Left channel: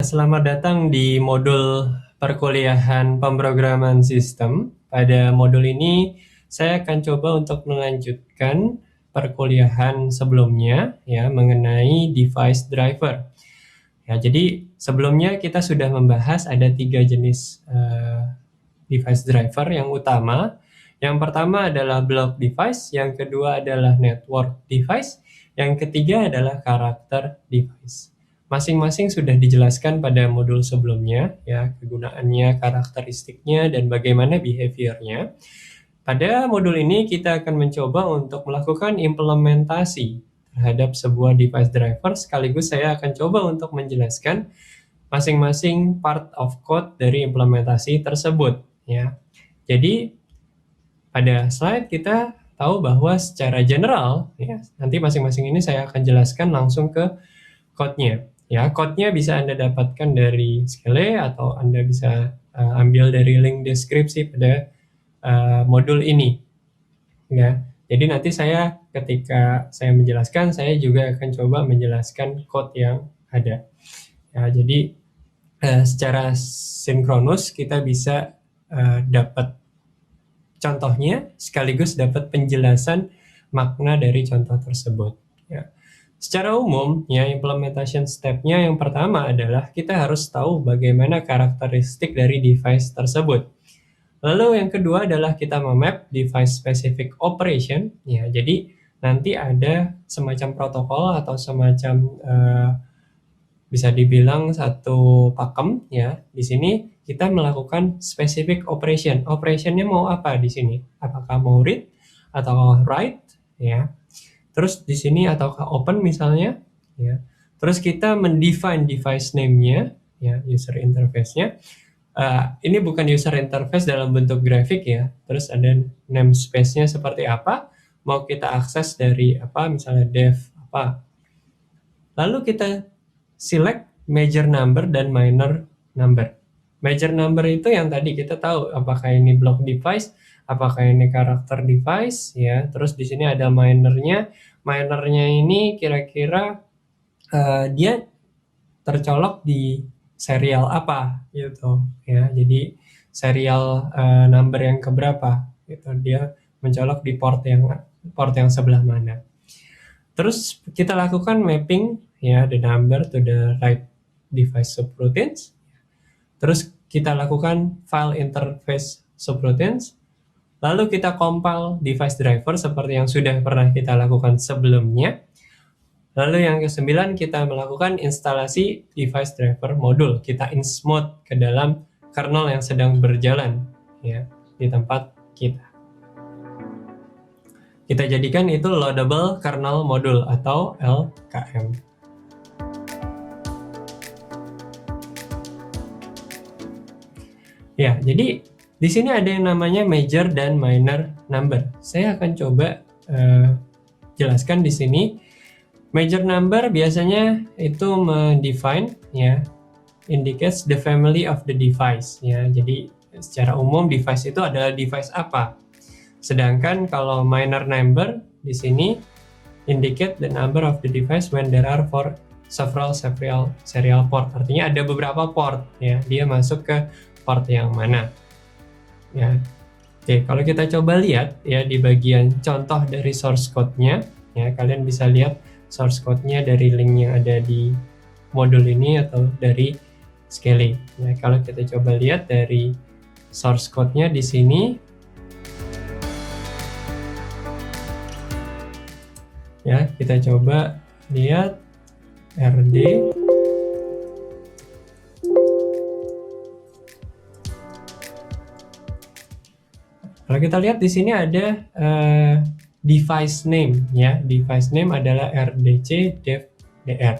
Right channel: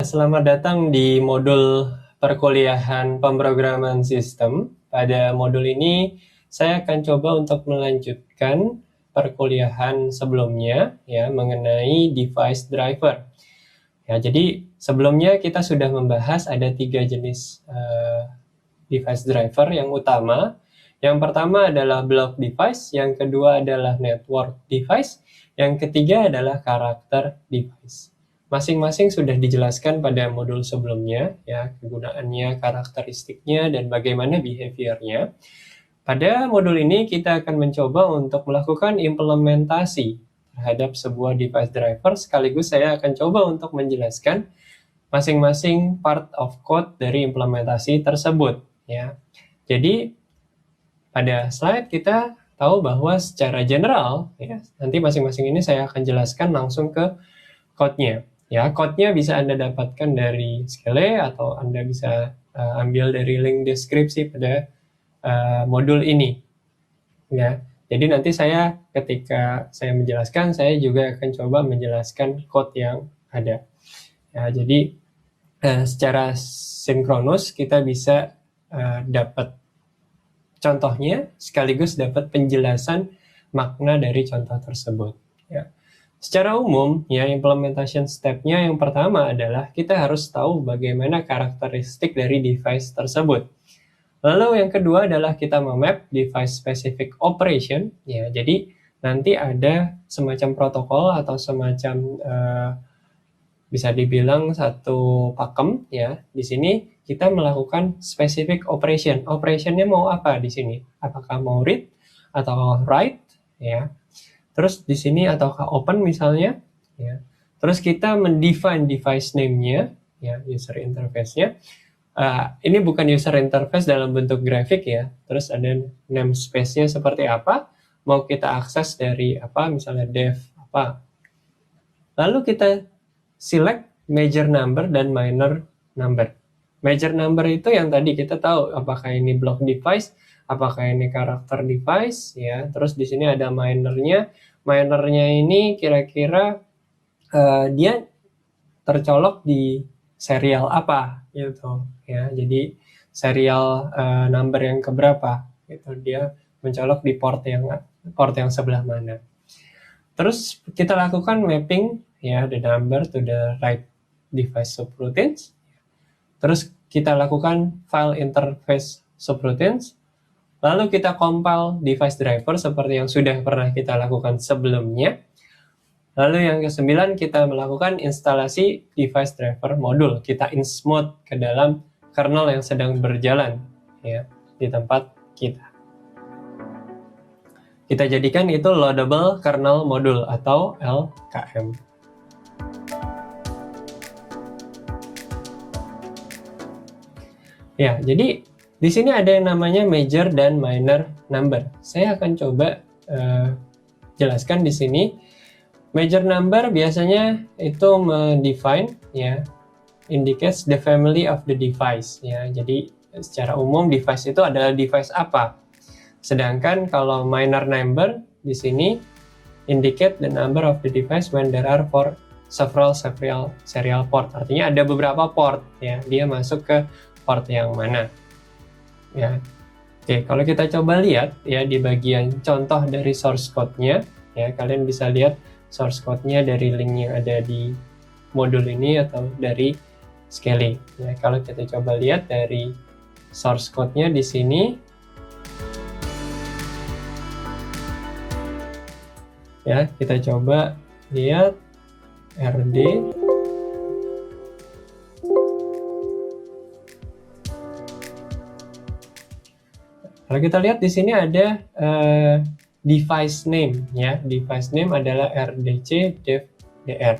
Selamat datang di modul perkuliahan pemrograman sistem. Pada modul ini saya akan coba untuk melanjutkan perkuliahan sebelumnya ya mengenai device driver. Ya, jadi sebelumnya kita sudah membahas ada 3 jenis device driver yang utama. Yang pertama adalah block device, yang kedua adalah network device, yang ketiga adalah karakter device. Masing-masing sudah dijelaskan pada modul sebelumnya, ya, kegunaannya, karakteristiknya, dan bagaimana behaviornya. Pada modul ini kita akan mencoba untuk melakukan implementasi terhadap sebuah device driver, sekaligus saya akan coba untuk menjelaskan masing-masing part of code dari implementasi tersebut, ya. Jadi pada slide kita tahu bahwa secara general, ya, nanti masing-masing ini saya akan jelaskan langsung ke code-nya. Ya, code-nya bisa Anda dapatkan dari Skele atau Anda bisa ambil dari link deskripsi pada modul ini. Ya, jadi nanti saya ketika saya menjelaskan, saya juga akan coba menjelaskan code yang ada. Ya, jadi secara sinkronus kita bisa dapat contohnya sekaligus dapat penjelasan makna dari contoh tersebut. Ya. Secara umum, ya implementation step-nya yang pertama adalah kita harus tahu bagaimana karakteristik dari device tersebut. Lalu yang kedua adalah kita memap device specific operation. Ya, jadi nanti ada semacam protokol atau semacam bisa dibilang satu pakem, ya. Di sini kita melakukan specific operation. Operationnya mau apa di sini? Apakah mau read atau write, ya. Terus di sini ataukah open misalnya, ya. Terus kita mendefine device name-nya, ya, user interface-nya. Ini bukan user interface dalam bentuk grafik, ya. Terus ada namespace-nya seperti apa? Mau kita akses dari apa? Misalnya dev apa. Lalu kita select major number dan minor number. Major number itu yang tadi kita tahu apakah ini block device, apakah ini karakter device, ya. Terus di sini ada minornya. Minornya ini kira-kira dia tercolok di serial apa gitu, ya. Jadi serial number yang keberapa gitu. Dia mencolok di port yang sebelah mana. Terus kita lakukan mapping, ya, the number to the right device subroutines. Terus kita lakukan file interface subroutines. Lalu kita compile device driver seperti yang sudah pernah kita lakukan sebelumnya. Lalu yang ke-9 kita melakukan instalasi device driver modul. Kita insmode ke dalam kernel yang sedang berjalan, ya, di tempat kita. Kita jadikan itu loadable kernel module atau LKM. Ya, jadi di sini ada yang namanya major dan minor number. Saya akan coba jelaskan di sini. Major number biasanya itu mendefine, ya, indicates the family of the device, ya. Jadi secara umum device itu adalah device apa. Sedangkan kalau minor number di sini indicate the number of the device when there are several serial port. Artinya ada beberapa port, ya. Dia masuk ke port yang mana. Ya. Oke, kalau kita coba lihat, ya, di bagian contoh dari source code-nya, ya, kalian bisa lihat source code-nya dari link yang ada di modul ini atau dari Skele. Ya, kalau kita coba lihat dari source code-nya di sini, ya, kita coba lihat RD. Kalau kita lihat di sini ada device name, ya. Device name adalah RDC dev dr.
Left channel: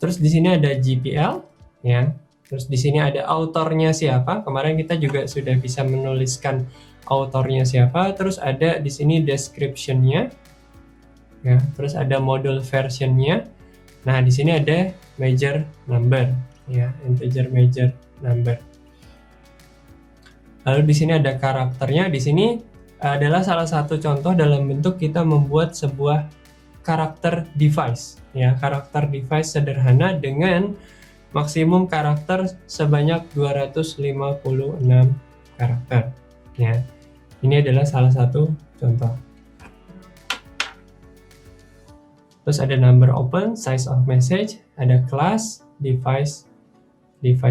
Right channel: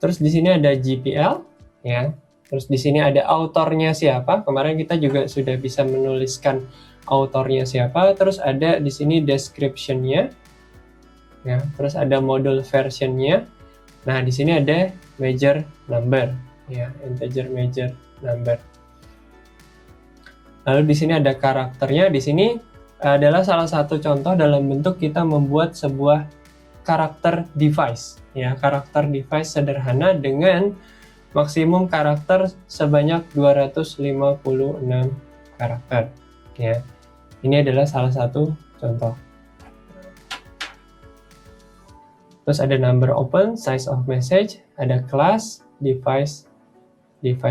Terus di sini ada GPL, ya. Terus di sini ada autornya siapa. Kemarin kita juga sudah bisa menuliskan autornya siapa. Terus ada di sini description-nya. Ya, terus ada module version-nya. Nah, di sini ada major number, ya, integer major number. Lalu di sini ada karakternya. Di sini adalah salah satu contoh dalam bentuk kita membuat sebuah karakter device, ya, karakter device sederhana dengan maksimum karakter sebanyak 256 karakter. Ya, ini adalah salah satu contoh. Terus ada number open, size of message, ada class, device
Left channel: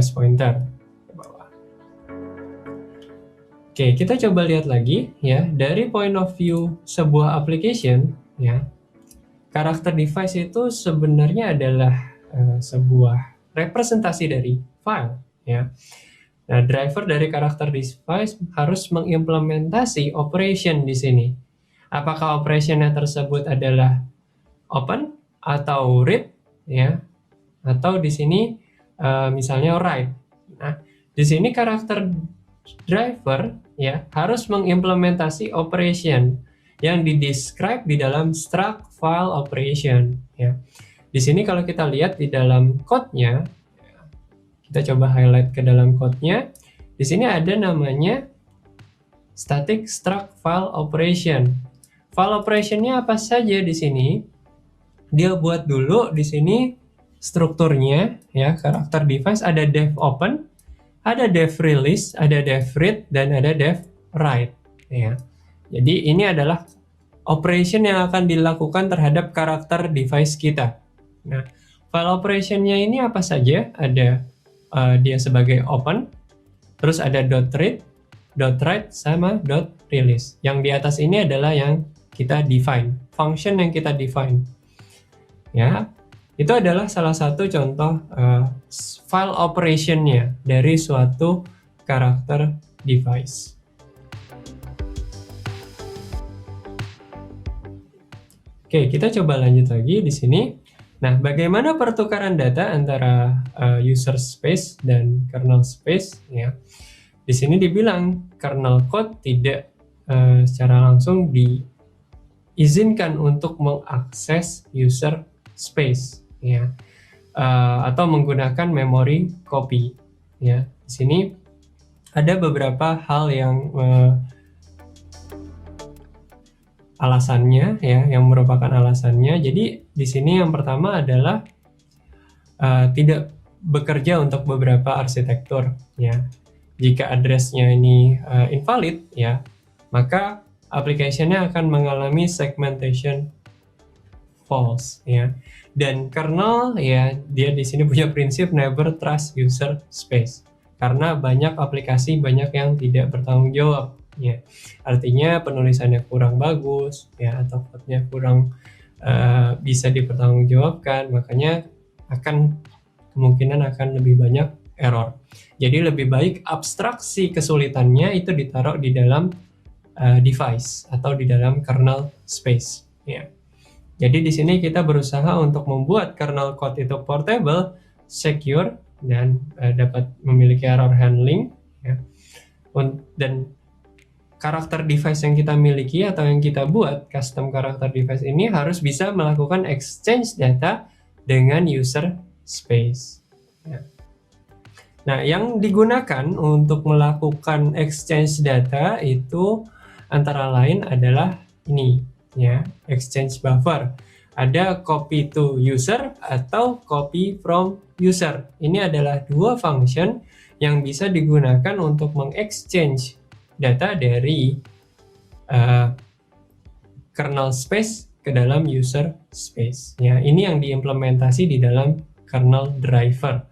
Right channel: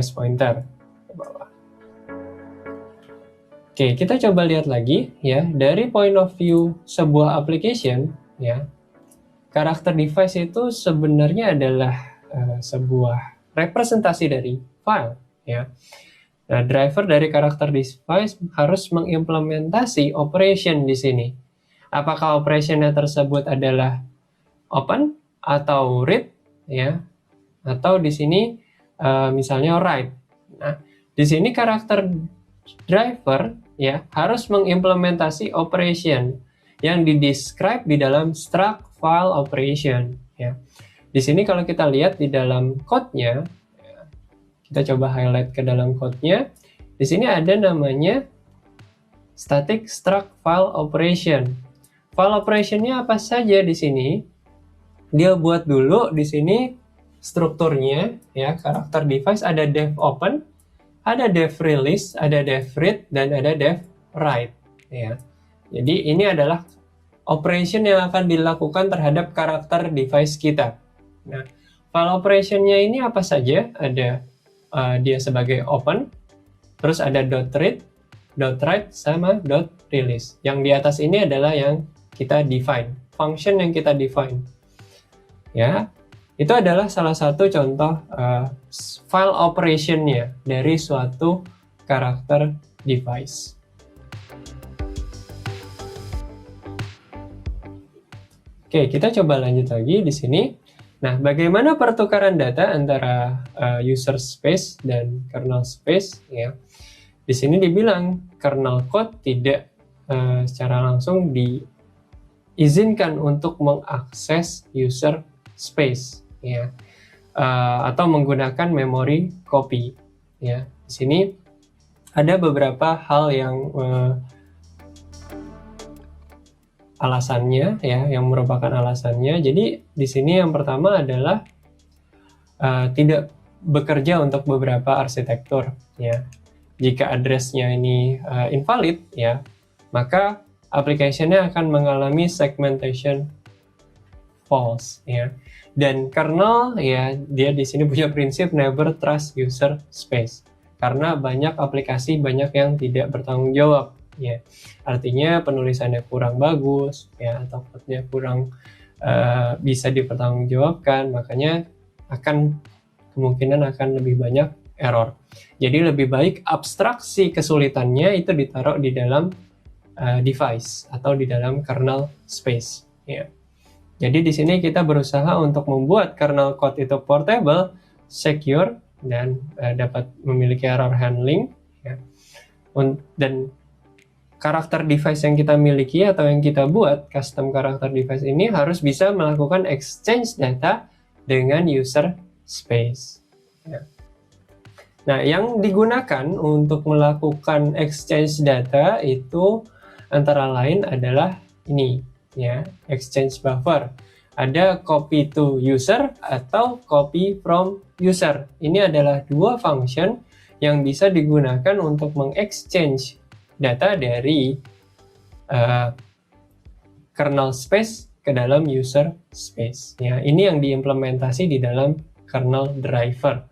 pointer ke bawah. Oke, kita coba lihat lagi ya, dari point of view sebuah application ya. Karakter device itu sebenarnya adalah sebuah representasi dari file ya. Nah, driver dari karakter device harus mengimplementasi operation di sini. Apakah operationnya tersebut adalah open atau read ya, atau di sini misalnya write. Nah, di sini karakter driver ya harus mengimplementasi operation yang di-describe di dalam struct file operation ya. Di sini kalau kita lihat di dalam code-nya, kita coba highlight ke dalam code-nya. Di sini ada namanya static struct file operation. File operation-nya apa saja di sini? Dia buat dulu di sini strukturnya ya, karakter device ada dev open, ada dev release, ada dev read, dan ada dev write ya. Jadi ini adalah operation yang akan dilakukan terhadap karakter device kita. Nah, file operation-nya ini apa saja? Ada dia sebagai open, terus ada .read, .write, sama .release. Yang di atas ini adalah yang kita define, function yang kita define. Ya, itu adalah salah satu contoh file operation-nya dari suatu karakter device. Oke, kita coba lanjut lagi di sini. Nah, bagaimana pertukaran data antara user space dan kernel space? Ya, di sini dibilang kernel code tidak secara langsung diizinkan untuk mengakses user space ya, atau menggunakan memory copy ya. Di sini ada beberapa hal yang alasannya ya, yang merupakan alasannya. Jadi di sini yang pertama adalah tidak bekerja untuk beberapa arsitektur ya. Jika address-nya ini invalid ya, maka application-nya akan mengalami segmentation false ya. Dan kernel ya, dia di sini punya prinsip never trust user space, karena banyak aplikasi banyak yang tidak bertanggung jawab ya. Artinya penulisannya kurang bagus ya, atau code-nya kurang bisa dipertanggungjawabkan, makanya kemungkinan akan lebih banyak error. Jadi lebih baik abstraksi kesulitannya itu ditaruh di dalam device atau di dalam kernel space ya. Jadi di sini kita berusaha untuk membuat kernel code itu portable, secure, dan dapat memiliki error handling ya. Dan karakter device yang kita miliki atau yang kita buat, custom karakter device ini harus bisa melakukan exchange data dengan user space ya. Nah, yang digunakan untuk melakukan exchange data itu antara lain adalah ini ya, exchange buffer. Ada copy to user atau copy from user. Ini adalah dua function yang bisa digunakan untuk mengexchange data dari kernel space ke dalam user space ya. Ini yang diimplementasi di dalam kernel driver.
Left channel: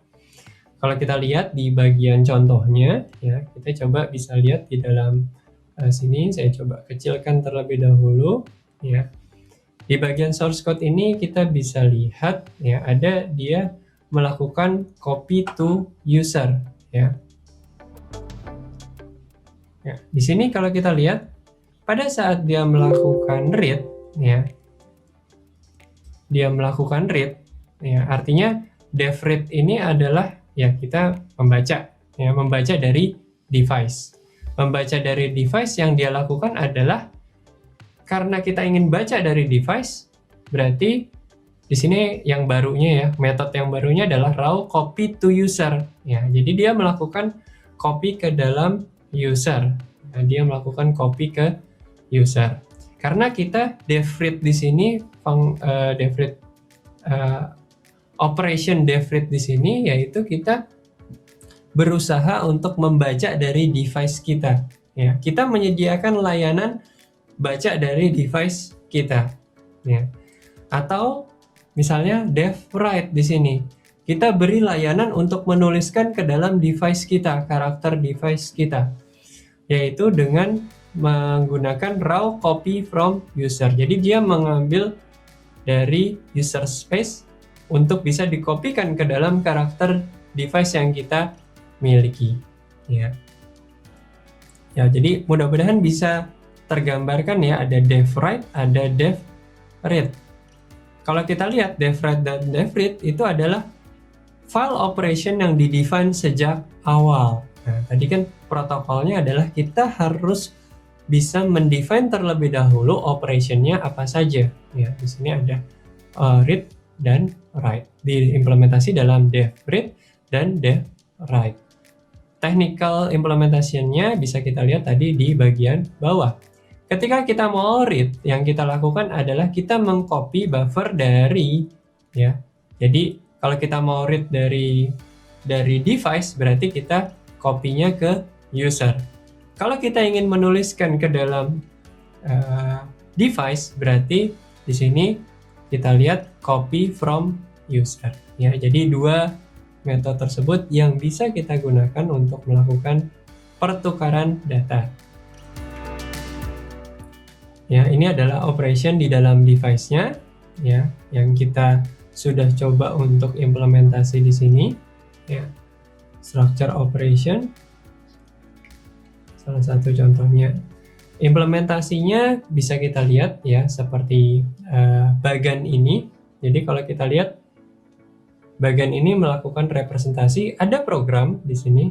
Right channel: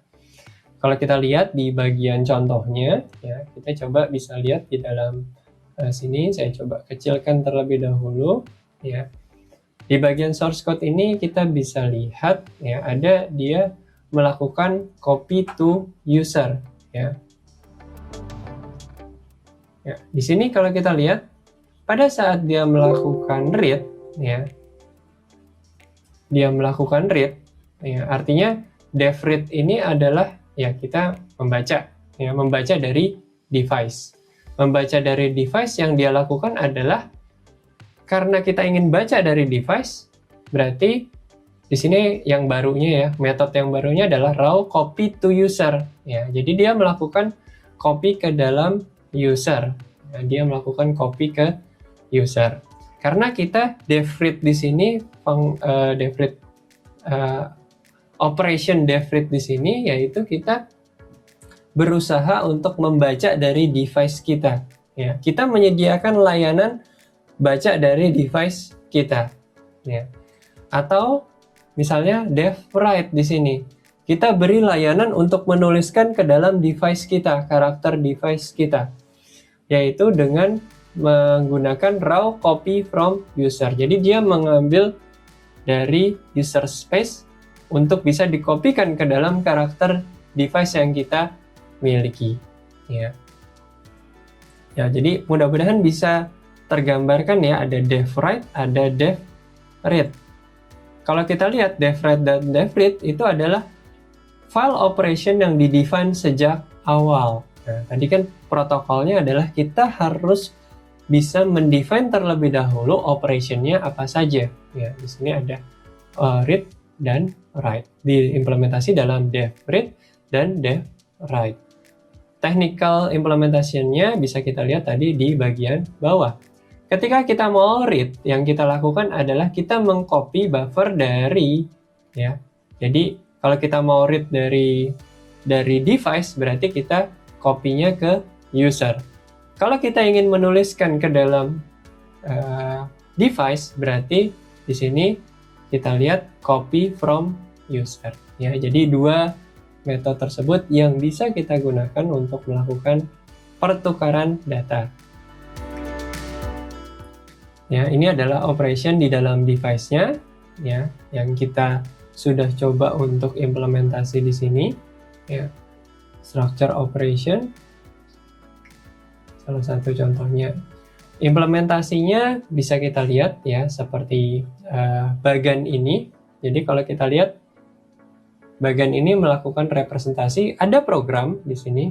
Kalau kita lihat di bagian contohnya ya, kita coba bisa lihat di dalam sini. Saya coba kecilkan terlebih dahulu ya. Di bagian source code ini kita bisa lihat ya, ada dia melakukan copy to user ya. Ya, di sini kalau kita lihat pada saat dia melakukan read ya, dia melakukan read ya, artinya dev read ini adalah ya kita membaca dari device. Membaca dari device yang dia lakukan adalah karena kita ingin baca dari device, berarti di sini yang barunya ya, metode yang barunya adalah raw copy to user ya. Jadi dia melakukan copy ke dalam user. Nah, dia melakukan copy ke user. Karena kita dev read di sini dev read operation dev read di sini yaitu kita berusaha untuk membaca dari device kita. Ya, kita menyediakan layanan baca dari device kita. Ya. Atau misalnya dev write di sini. Kita beri layanan untuk menuliskan ke dalam device kita, karakter device kita. Yaitu dengan menggunakan raw copy from user. Jadi dia mengambil dari user space untuk bisa dikopikan ke dalam karakter device yang kita miliki. Ya, jadi mudah-mudahan bisa tergambarkan ya, ada dev write, ada dev read. Kalau kita lihat dev write dan dev read itu adalah file operation yang di-define sejak awal. Nah, tadi kan protokolnya adalah kita harus bisa mendefine terlebih dahulu operationnya apa saja. Ya, di sini ada read dan write. Diimplementasi dalam dev read dan dev write. Technical implementasinya bisa kita lihat tadi di bagian bawah. Ketika kita mau read, yang kita lakukan adalah kita mengcopy buffer dari, ya. Jadi kalau kita mau read dari device, berarti kita copy-nya ke user. Kalau kita ingin menuliskan ke dalam device, berarti di sini kita lihat copy from user. Ya, jadi dua metode tersebut yang bisa kita gunakan untuk melakukan pertukaran data. Ya, ini adalah operation di dalam device-nya, ya, yang kita sudah coba untuk implementasi di sini. Ya, structure operation, salah satu contohnya. Implementasinya bisa kita lihat ya seperti bagan ini. Jadi kalau kita lihat bagan ini melakukan representasi, ada program di sini,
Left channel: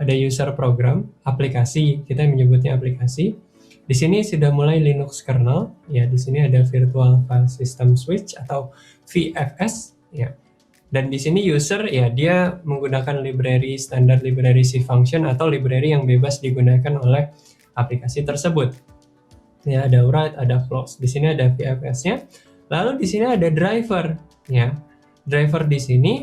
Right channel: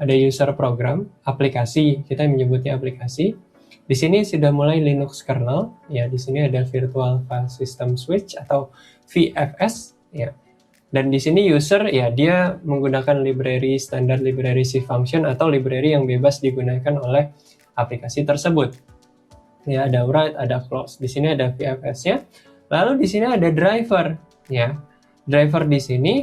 ada user program, aplikasi, kita menyebutnya aplikasi. Di sini sudah mulai Linux kernel, ya di sini ada Virtual File System Switch atau VFS, ya. Dan di sini user ya dia menggunakan library standar library C function atau library yang bebas digunakan oleh aplikasi tersebut. Ya ada write, ada close. Di sini ada VFS-nya. Lalu di sini ada driver, ya. Driver di sini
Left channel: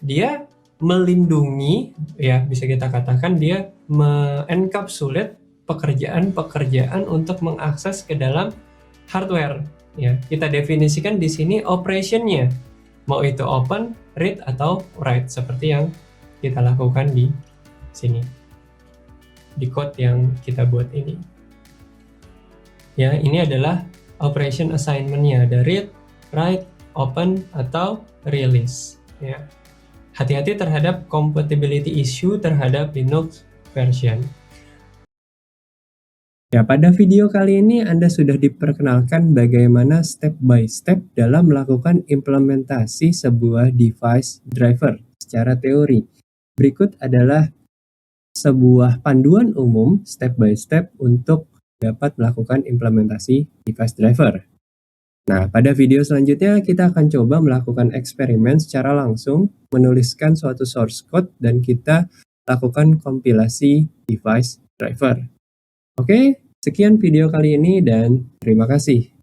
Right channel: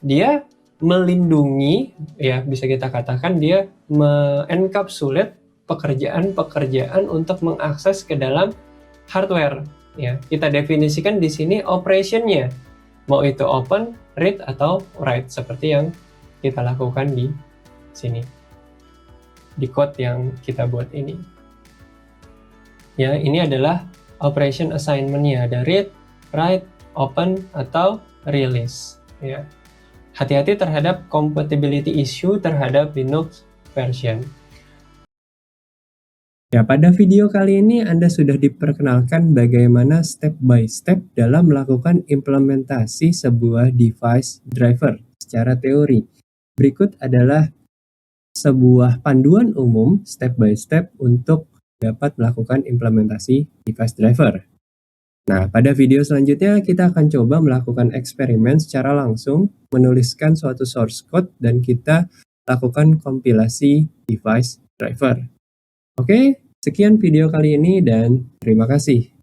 dia melindungi, ya bisa kita katakan dia me-encapsulate pekerjaan-pekerjaan untuk mengakses ke dalam hardware. Ya, kita definisikan di sini operation-nya, mau itu open, read atau write seperti yang kita lakukan di sini, di code yang kita buat ini. Ya, ini adalah operation assignment-nya, ada read, write, open atau release. Ya, hati-hati terhadap compatibility issue terhadap Linux version. Ya, pada video kali ini Anda sudah diperkenalkan bagaimana step by step dalam melakukan implementasi sebuah device driver secara teori. Berikut adalah sebuah panduan umum step by step untuk dapat melakukan implementasi device driver. Nah, pada video selanjutnya kita akan coba melakukan eksperimen secara langsung, menuliskan suatu source code, dan kita lakukan kompilasi device driver. Oke, sekian video kali ini dan terima kasih.